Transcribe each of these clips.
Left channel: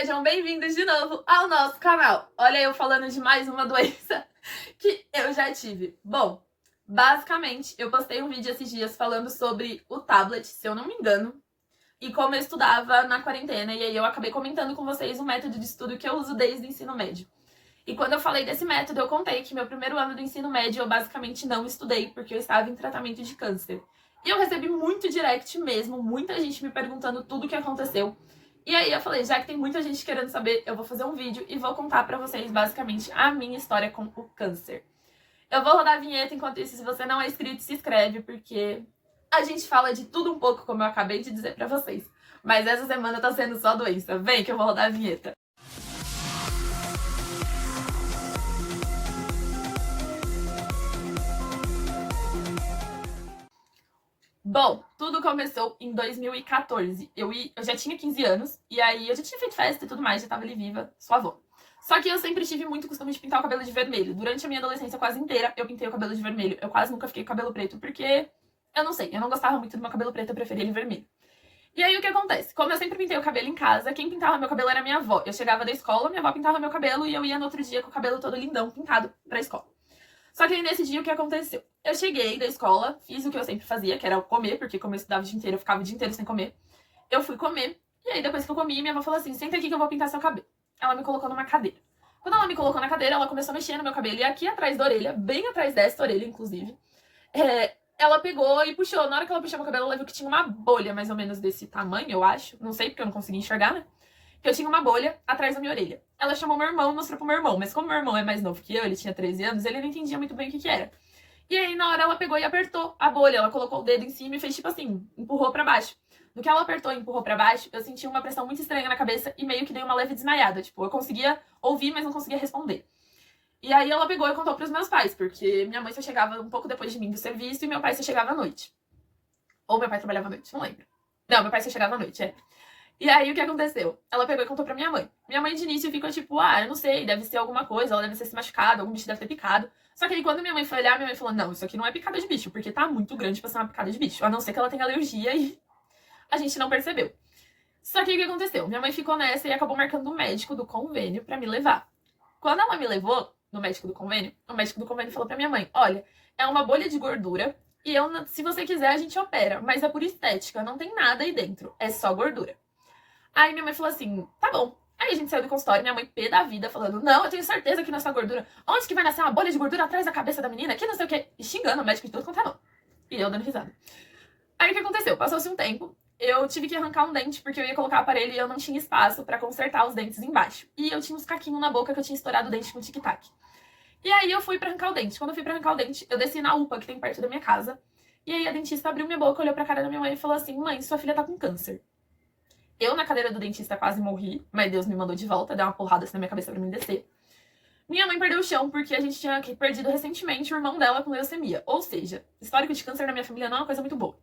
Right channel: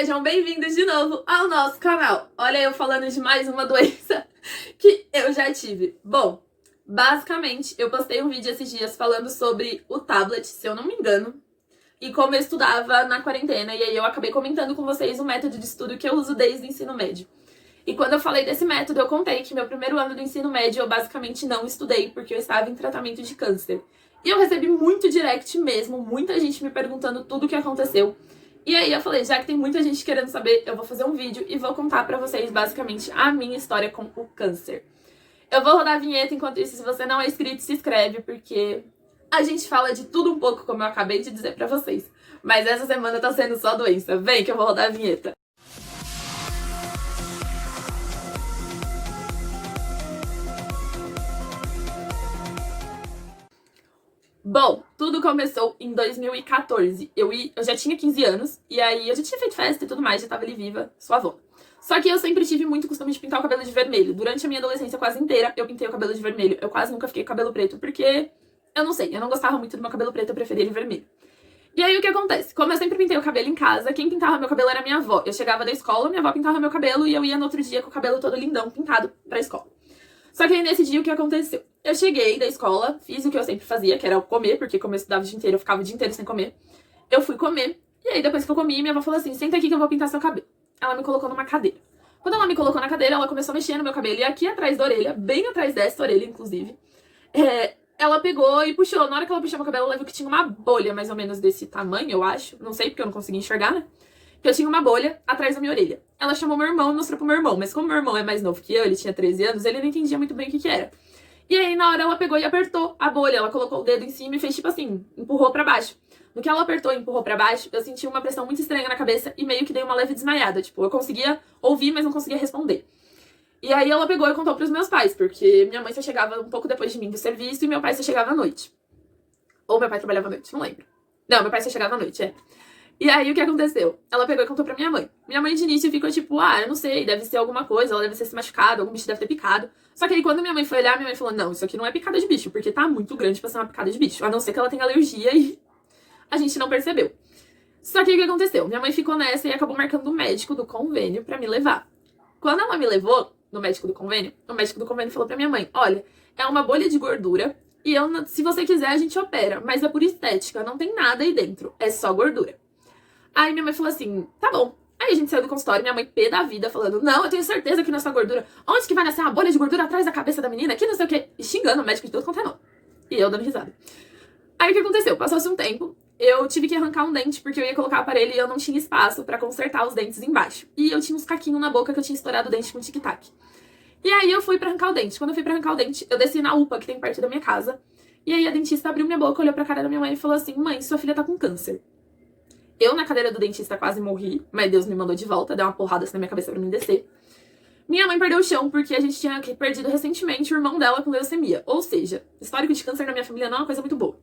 Sejam bem-vindos de novo ao nosso canal. Olha eu falando de mais uma doença que eu já tive. Bom, basicamente eu postei um vídeo esses dias falando sobre o tablet, se eu não me engano, e como eu estudava na quarentena, e aí eu acabei comentando com vocês o método de estudo que eu uso desde o ensino médio. E quando eu falei desse método, eu contei que meu primeiro ano do ensino médio eu basicamente não estudei porque eu estava em tratamento de câncer. E eu recebi muito direct mesmo, muita gente me perguntando tudo o que aconteceu. E aí eu falei, já que tem muita gente querendo saber, eu vou fazer um vídeo e vou contar pra vocês basicamente a minha história com o câncer. Eu vou rodar a vinheta, enquanto isso, se você não é inscrito, se inscreve, porque a gente fala de tudo um pouco, como eu acabei de dizer pra vocês. Mas essa semana tá sendo só doença. Vem que eu vou rodar a vinheta. Bom, tudo começou em 2014. Eu já tinha 15 anos, e aí eu já tinha feito festa e tudo mais, já tava ali viva, sua avó. Só que eu sempre tive muito costume de pintar o cabelo de vermelho. Durante a minha adolescência quase inteira, eu pintei o cabelo de vermelho. Eu quase nunca fiquei com cabelo preto, porque, eu não sei, eu não gostava muito do meu cabelo preto, eu preferia ele vermelho. E aí o que acontece? Como eu sempre pintei o cabelo em casa, quem pintava meu cabelo era minha avó. Eu chegava da escola, minha avó pintava meu cabelo, e eu ia no outro dia com o cabelo todo lindão, pintado, pra escola. Só que aí nesse dia o que aconteceu? Eu cheguei da escola, fiz o que eu sempre fazia, que era comer, porque como eu estudava o dia inteiro, eu ficava o dia inteiro sem comer. Eu fui comer, e aí depois que eu comi, minha avó falou assim, senta aqui que eu vou pintar seu cabelo. Ela me colocou numa cadeira. Quando ela me colocou na cadeira, ela começou a mexer no meu cabelo, e aqui atrás da orelha, bem atrás dessa orelha, inclusive, ela pegou e puxou. Na hora que ela puxou meu cabelo, ela viu que tinha uma bolha mais ou menos desse tamanho, eu acho. Não sei, porque eu não conseguia enxergar, né? Que eu tinha uma bolha atrás da minha orelha. Ela chamou meu irmão e mostrou pro meu irmão. Mas como meu irmão é mais novo que eu, ele tinha 13 anos, ele não entendia muito bem o que era. E aí, na hora, ela pegou e apertou a bolha. Ela colocou o dedo em cima e fez tipo assim, empurrou pra baixo. No que ela apertou e empurrou pra baixo, eu senti uma pressão muito estranha na cabeça e meio que dei uma leve desmaiada. Tipo, eu conseguia ouvir, mas não conseguia responder. E aí ela pegou e contou pros meus pais, porque minha mãe só chegava um pouco depois de mim do serviço e meu pai só chegava à noite. Ou meu pai trabalhava à noite, não lembro. Não, meu pai só chegava à noite, é. E aí, o que aconteceu? Ela pegou e contou pra minha mãe. Minha mãe, de início, ficou tipo, eu não sei, deve ser alguma coisa, ela deve ter se machucado, algum bicho deve ter picado. Só que aí, quando minha mãe foi olhar, minha mãe falou, não, isso aqui não é picada de bicho, porque tá muito grande pra ser uma picada de bicho. A não ser que ela tenha alergia e a gente não percebeu. Só que o que aconteceu? Minha mãe ficou nessa e acabou marcando o médico do convênio pra me levar. Quando ela me levou no médico do convênio, o médico do convênio falou pra minha mãe, olha, é uma bolha de gordura e se você quiser, a gente opera, mas é por estética, não tem nada aí dentro, é só gordura. Aí minha mãe falou assim, tá bom. Aí a gente saiu do consultório, minha mãe pé da vida, falando, não, eu tenho certeza que não é só gordura. Onde que vai nascer uma bolha de gordura atrás da cabeça da menina? Que não sei o quê. E xingando o médico de tudo quanto é não. E eu dando risada. Aí o que aconteceu? Passou-se um tempo, eu tive que arrancar um dente, porque eu ia colocar o aparelho e eu não tinha espaço pra consertar os dentes embaixo. E eu tinha uns caquinhos na boca que eu tinha estourado o dente com tic-tac. E aí eu fui pra arrancar o dente. Quando eu fui pra arrancar o dente, eu desci na UPA, que tem perto da minha casa. E aí a dentista abriu minha boca, olhou pra cara da minha mãe e falou assim, mãe, sua filha tá com câncer. Eu, na cadeira do dentista, quase morri, mas Deus me mandou de volta, deu uma porrada assim na minha cabeça pra mim descer. Minha mãe perdeu o chão porque a gente tinha perdido recentemente o irmão dela com leucemia. Ou seja, histórico de câncer na minha família não é uma coisa muito boa.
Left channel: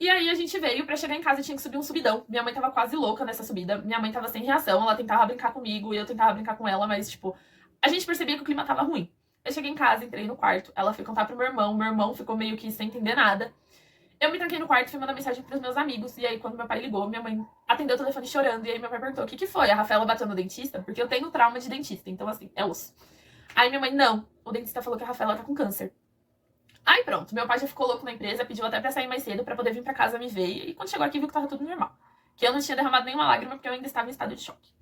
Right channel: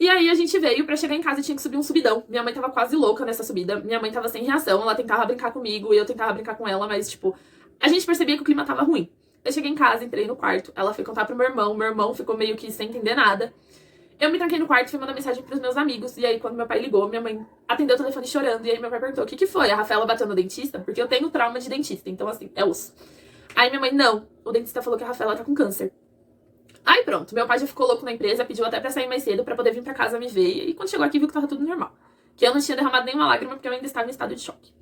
E aí a gente veio, pra chegar em casa tinha que subir um subidão. Minha mãe tava quase louca nessa subida. Minha mãe tava sem reação, ela tentava brincar comigo e eu tentava brincar com ela, mas tipo, a gente percebia que o clima tava ruim. Eu cheguei em casa, entrei no quarto, ela foi contar pro meu irmão ficou meio que sem entender nada. Eu me tranquei no quarto e fui mandar mensagem pros meus amigos. E aí, quando meu pai ligou, minha mãe atendeu o telefone chorando. E aí, meu pai perguntou, o que foi? A Rafaela bateu no dentista? Porque eu tenho trauma de dentista, então assim, é osso. Aí minha mãe, não, o dentista falou que a Rafaela tá com câncer. Aí pronto, meu pai já ficou louco na empresa, pediu até pra sair mais cedo pra poder vir pra casa me ver. E quando chegou aqui, viu que tava tudo normal. Que eu não tinha derramado nenhuma lágrima porque eu ainda estava em estado de choque.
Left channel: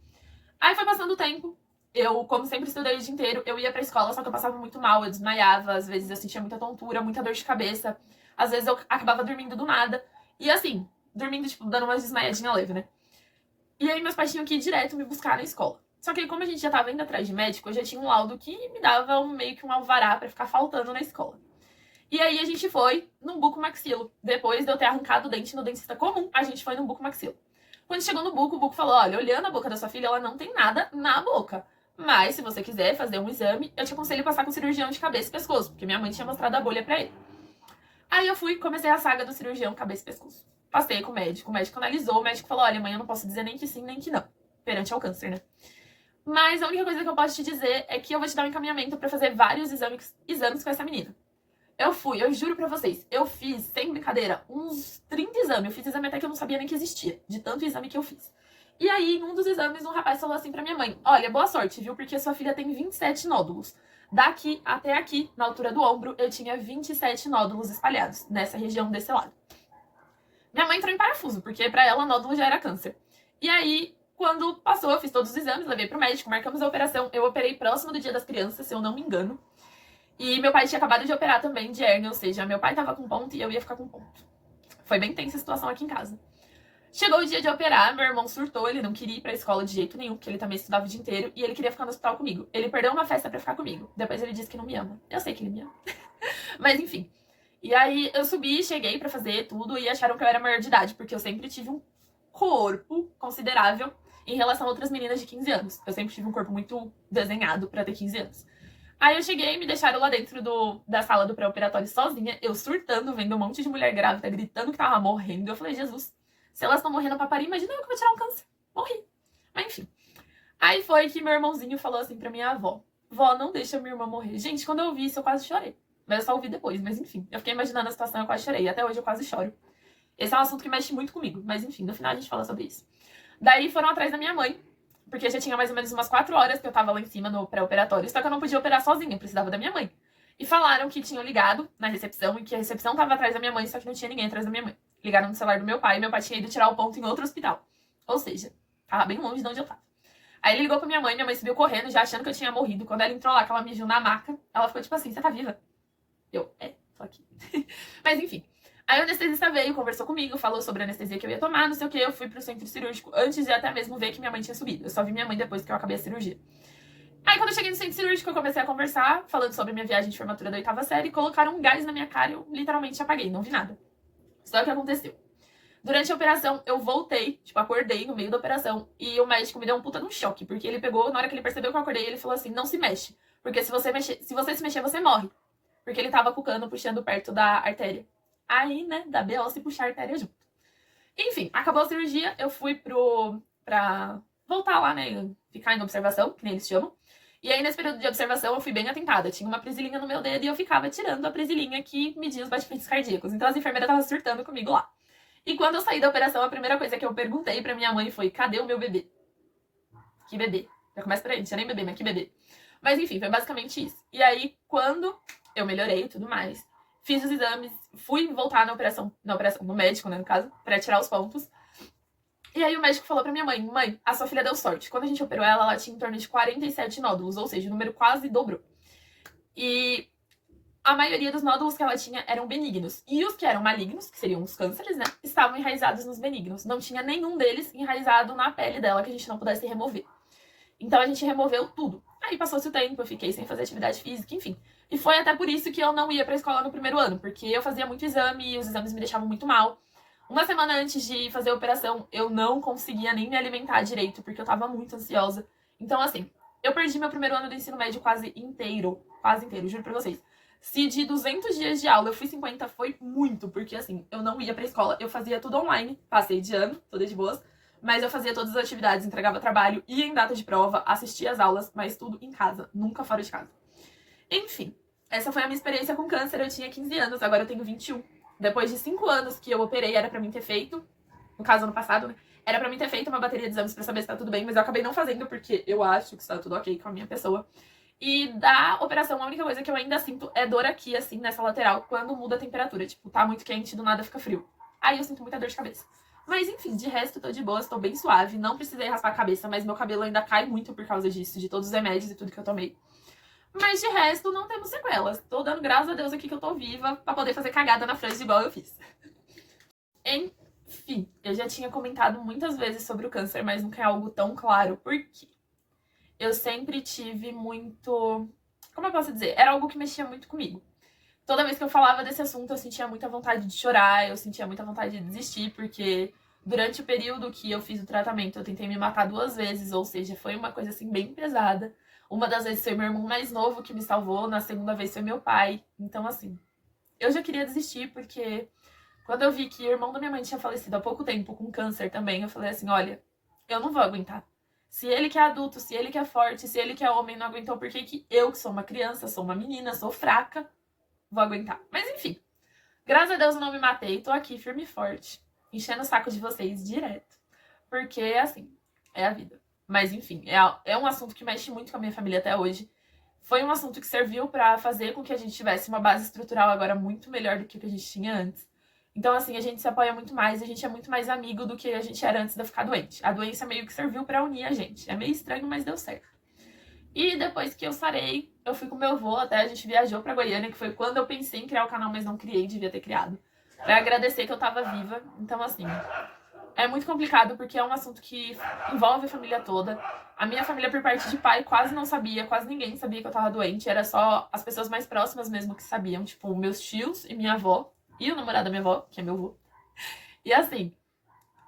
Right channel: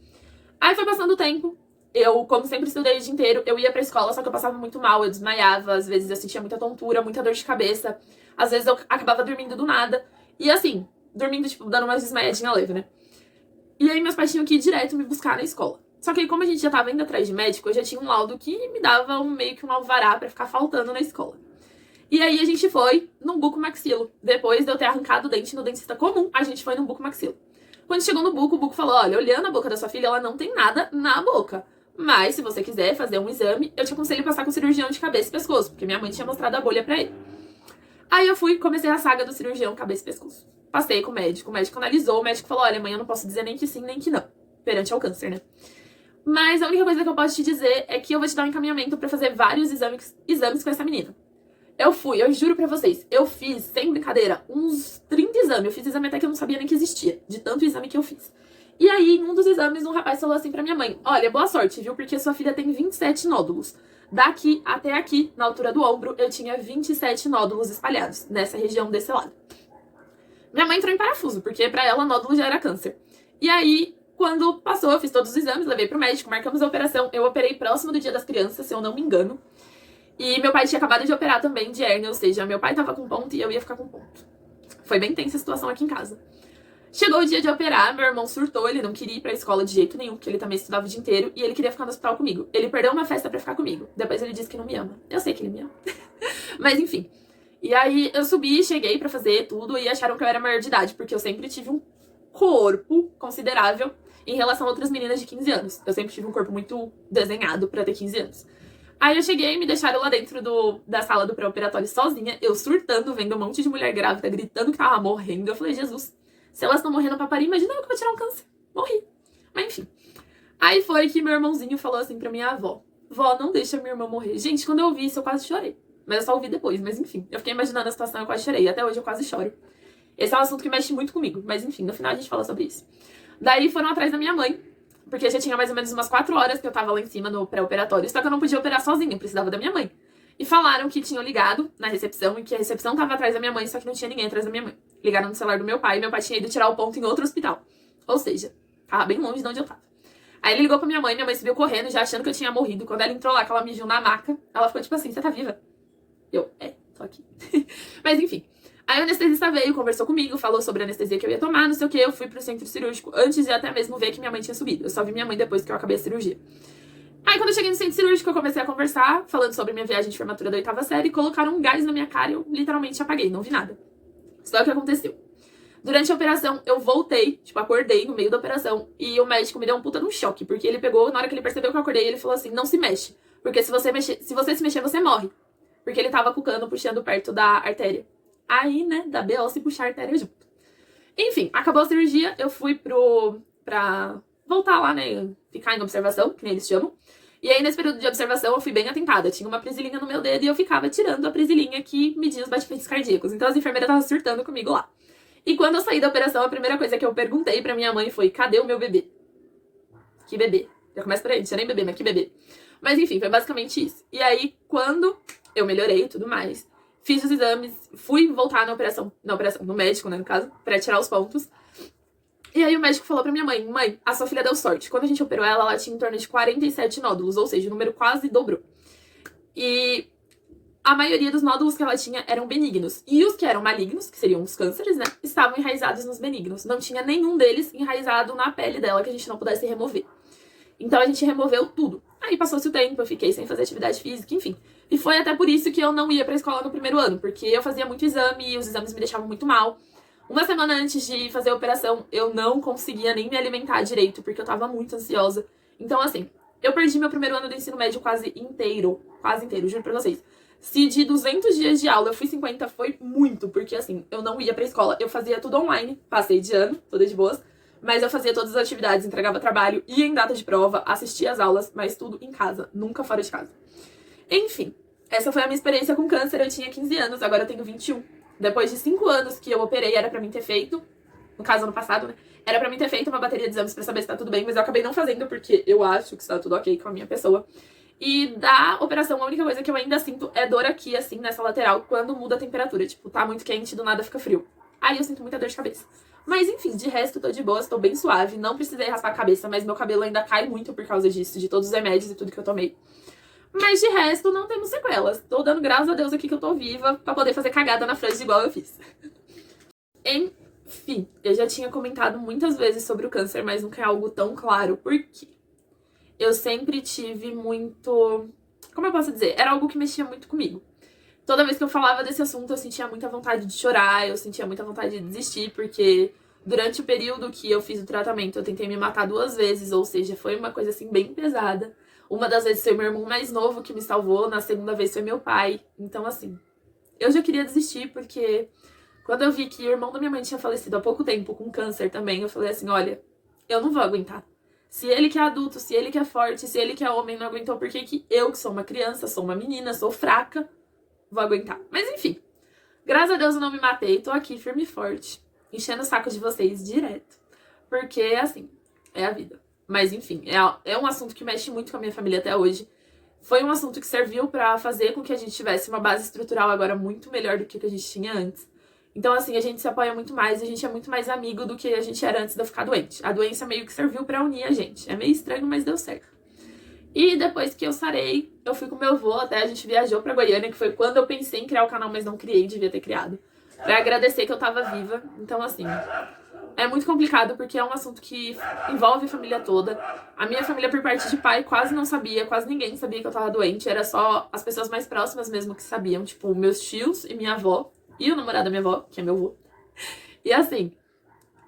Aí foi passando o tempo. Eu, como sempre estudei o dia inteiro, eu ia pra escola, só que eu passava muito mal, eu desmaiava, às vezes eu sentia muita tontura, muita dor de cabeça. Às vezes eu acabava dormindo do nada. E assim, dormindo, tipo, dando umas desmaiadinhas leve, né? E aí meus pais tinham que ir direto me buscar na escola. Só que aí, como a gente já tava indo atrás de médico, eu já tinha um laudo que me dava meio que um alvará pra ficar faltando na escola. E aí a gente foi num bucomaxilo. Depois de eu ter arrancado o dente no dentista comum, a gente foi num bucomaxilo. Quando chegou no buco, o buco falou, olha, olhando a boca da sua filha, ela não tem nada na boca. Mas, se você quiser fazer um exame, eu te aconselho passar com cirurgião de cabeça e pescoço, porque minha mãe tinha mostrado a bolha pra ele. Aí eu fui, comecei a saga do cirurgião cabeça e pescoço. Passei com o médico analisou, o médico falou, olha, mãe, eu não posso dizer nem que sim, nem que não. Perante ao câncer, né? Mas a única coisa que eu posso te dizer é que eu vou te dar um encaminhamento pra fazer vários exames com essa menina. Eu juro pra vocês, eu fiz, sem brincadeira, uns 30 exames. Eu fiz exame até que eu não sabia nem que existia, de tanto exame que eu fiz. E aí, em um dos exames, um rapaz falou assim pra minha mãe: olha, boa sorte, viu? Porque sua filha tem 27 nódulos. Daqui até aqui, na altura do ombro, eu tinha 27 nódulos espalhados, nessa região desse lado. Minha mãe entrou em parafuso, porque pra ela nódulo já era câncer. E aí, quando passou, eu fiz todos os exames, levei pro médico, marcamos a operação. Eu operei próximo do Dia das Crianças, se eu não me engano. E meu pai tinha acabado de operar também de hérnia, ou seja, meu pai tava com ponto e eu ia ficar com ponto. Foi bem tensa a situação aqui em casa. Chegou o dia de operar, meu irmão surtou, ele não queria ir pra escola de jeito nenhum, porque ele também estudava o dia inteiro, e ele queria ficar no hospital comigo. Ele perdeu uma festa pra ficar comigo. Depois ele disse que não me ama. Eu sei que ele me ama. Mas enfim. E aí eu subi, cheguei pra fazer tudo, e acharam que eu era maior de idade, porque eu sempre tive um corpo considerável em relação a outras meninas de 15 anos. Eu sempre tive um corpo muito desenhado pra ter 15 anos. Aí eu cheguei e me deixaram lá dentro da sala do pré-operatório sozinha, eu surtando, vendo um monte de mulher grávida, gritando que tava morrendo. Eu falei, Jesus, se elas estão morrendo pra parir, imagina eu que vou tirar um câncer. Morri. Mas enfim. Aí foi que meu irmãozinho falou assim pra minha avó: vó, não deixa minha irmã morrer. Gente, quando eu ouvi isso, eu quase chorei. Mas eu só ouvi depois, mas enfim. Eu fiquei imaginando a situação, eu quase chorei. Até hoje eu quase choro. Esse é um assunto que mexe muito comigo, mas enfim, no final a gente fala sobre isso. Daí foram atrás da minha mãe, porque já tinha mais ou menos umas 4 horas que eu tava lá em cima no pré-operatório, só que eu não podia operar sozinha, eu precisava da minha mãe. E falaram que tinham ligado na recepção e que a recepção tava atrás da minha mãe, só que não tinha ninguém atrás da minha mãe. Ligaram no celular do meu pai e meu pai tinha ido tirar o ponto em outro hospital. Ou seja, tava bem longe de onde eu tava. Aí ele ligou pra minha mãe subiu correndo, já achando que eu tinha morrido. Quando ela entrou lá, que ela me viu na maca, ela ficou tipo assim, você tá viva? Eu, tô aqui. Mas enfim. Aí o anestesista veio, conversou comigo, falou sobre a anestesia que eu ia tomar, não sei o que. Eu fui pro centro cirúrgico antes de até mesmo ver que minha mãe tinha subido. Eu só vi minha mãe depois que eu acabei a cirurgia. Aí quando eu cheguei no centro cirúrgico, eu comecei a conversar, falando sobre minha viagem de formatura da 8ª série, colocaram um gás na minha cara e eu literalmente apaguei, não vi nada. Só que aconteceu. Durante a operação, eu voltei, acordei no meio da operação, e o médico me deu um puta de um choque, porque ele pegou, na hora que ele percebeu que eu acordei, ele falou assim, não se mexe, porque se você se mexer, você morre. Porque ele tava com o cano puxando perto da artéria. Aí, né, da BO se puxar a artéria junto. Enfim, acabou a cirurgia, eu fui pra voltar lá, né, ficar em observação, que nem eles chamam. E aí, nesse período de observação, eu fui bem atentada. Tinha uma presilinha no meu dedo e eu ficava tirando a presilinha que media os batimentos cardíacos. Então, as enfermeiras estavam surtando comigo lá. E quando eu saí da operação, a primeira coisa que eu perguntei pra minha mãe foi, cadê o meu bebê? Que bebê? Já começa por aí, não tinha nem bebê, mas que bebê? Mas enfim, foi basicamente isso. E aí, quando eu melhorei e tudo mais, fiz os exames, fui voltar no médico, né, no caso, pra tirar os pontos. E aí o médico falou pra minha mãe, mãe, a sua filha deu sorte. Quando a gente operou ela, ela tinha em torno de 47 nódulos, ou seja, o número quase dobrou. E a maioria dos nódulos que ela tinha eram benignos. E os que eram malignos, que seriam os cânceres, né, estavam enraizados nos benignos. Não tinha nenhum deles enraizado na pele dela que a gente não pudesse remover. Então a gente removeu tudo. Aí passou-se o tempo, eu fiquei sem fazer atividade física, enfim. E foi até por isso que eu não ia pra escola no primeiro ano, porque eu fazia muito exame e os exames me deixavam muito mal. Uma semana antes de fazer a operação, eu não conseguia nem me alimentar direito, porque eu tava muito ansiosa. Então, assim, eu perdi meu primeiro ano do ensino médio quase inteiro, juro pra vocês. Se de 200 dias de aula eu fui 50, foi muito, porque assim, eu não ia pra escola, eu fazia tudo online, passei de ano, toda de boas, mas eu fazia todas as atividades, entregava trabalho, ia em data de prova, assistia às aulas, mas tudo em casa, nunca fora de casa. Enfim, essa foi a minha experiência com câncer, eu tinha 15 anos, agora eu tenho 21. Depois de 5 anos que eu operei, era pra mim ter feito, no caso ano passado, né, era pra mim ter feito uma bateria de exames pra saber se tá tudo bem, mas eu acabei não fazendo porque eu acho que está tudo ok com a minha pessoa. E da operação, a única coisa que eu ainda sinto é dor aqui, assim, nessa lateral, quando muda a temperatura. Tipo, tá muito quente, do nada fica frio. Aí eu sinto muita dor de cabeça. Mas enfim, de resto, tô de boas, tô bem suave. Não precisei raspar a cabeça, mas meu cabelo ainda cai muito por causa disso, de todos os remédios e tudo que eu tomei. Mas de resto, não temos sequelas. Tô dando graças a Deus aqui que eu tô viva pra poder fazer cagada na frente igual eu fiz. Enfim, eu já tinha comentado muitas vezes sobre o câncer, mas nunca é algo tão claro. Por quê? Eu sempre tive muito... Como eu posso dizer? Era algo que mexia muito comigo. Toda vez que eu falava desse assunto, eu sentia muita vontade de chorar, eu sentia muita vontade de desistir, porque durante o período que eu fiz o tratamento, eu tentei me matar 2 vezes, ou seja, foi uma coisa assim bem pesada. Uma das vezes foi meu irmão mais novo que me salvou, na segunda vez foi meu pai. Então, assim, eu já queria desistir, porque quando eu vi que o irmão da minha mãe tinha falecido há pouco tempo com câncer também, eu falei assim, olha, eu não vou aguentar. Se ele que é adulto, se ele que é forte, se ele que é homem não aguentou, por que que eu, que sou uma criança, sou uma menina, sou fraca, vou aguentar? Mas enfim, graças a Deus eu não me matei, tô aqui firme e forte, enchendo o saco de vocês direto. Porque, assim, É a vida. Mas enfim, é um assunto que mexe muito com a minha família até hoje. Foi um assunto que serviu pra fazer com que a gente tivesse uma base estrutural agora muito melhor do que a gente tinha antes. Então, assim, a gente se apoia muito mais, a gente é muito mais amigo do que a gente era antes de eu ficar doente. A doença meio que serviu pra unir a gente. É meio estranho, mas deu certo. E depois que eu sarei, eu fui com meu avô, até a gente viajou pra Goiânia, que foi quando eu pensei em criar o canal, mas não criei, devia ter criado. Pra agradecer que eu tava viva. Então, assim, é muito complicado porque é um assunto que envolve a família toda. A minha família, por parte de pai, quase não sabia, quase ninguém sabia que eu tava doente. Era só as pessoas mais próximas mesmo que sabiam, tipo, meus tios e minha avó, e o namorado da minha avó, que é meu avô. E assim,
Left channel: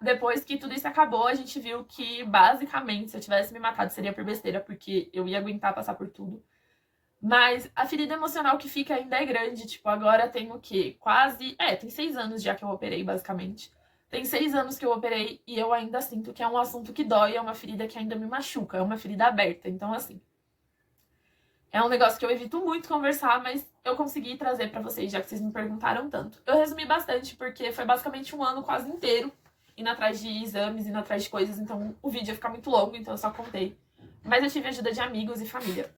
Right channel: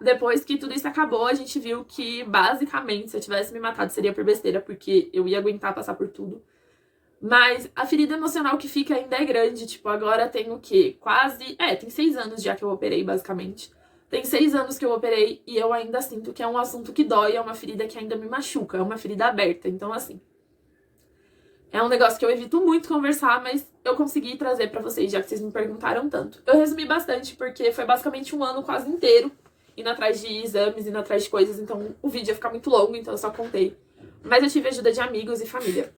depois que tudo isso acabou, a gente viu que, basicamente, se eu tivesse me matado, seria por besteira, porque eu ia aguentar passar por tudo. Mas a ferida emocional que fica ainda é grande. Tipo, agora tem o quê? Quase... tem 6 anos já que eu operei, basicamente. Tem 6 anos que eu operei e eu ainda sinto que é um assunto que dói, é uma ferida que ainda me machuca, é uma ferida aberta. Então, assim, é um negócio que eu evito muito conversar, mas eu consegui trazer pra vocês, já que vocês me perguntaram tanto. Eu resumi bastante, porque foi basicamente um ano quase inteiro indo atrás de exames, indo atrás de coisas, então o vídeo ia ficar muito longo, então eu só contei. Mas eu tive ajuda de amigos e família.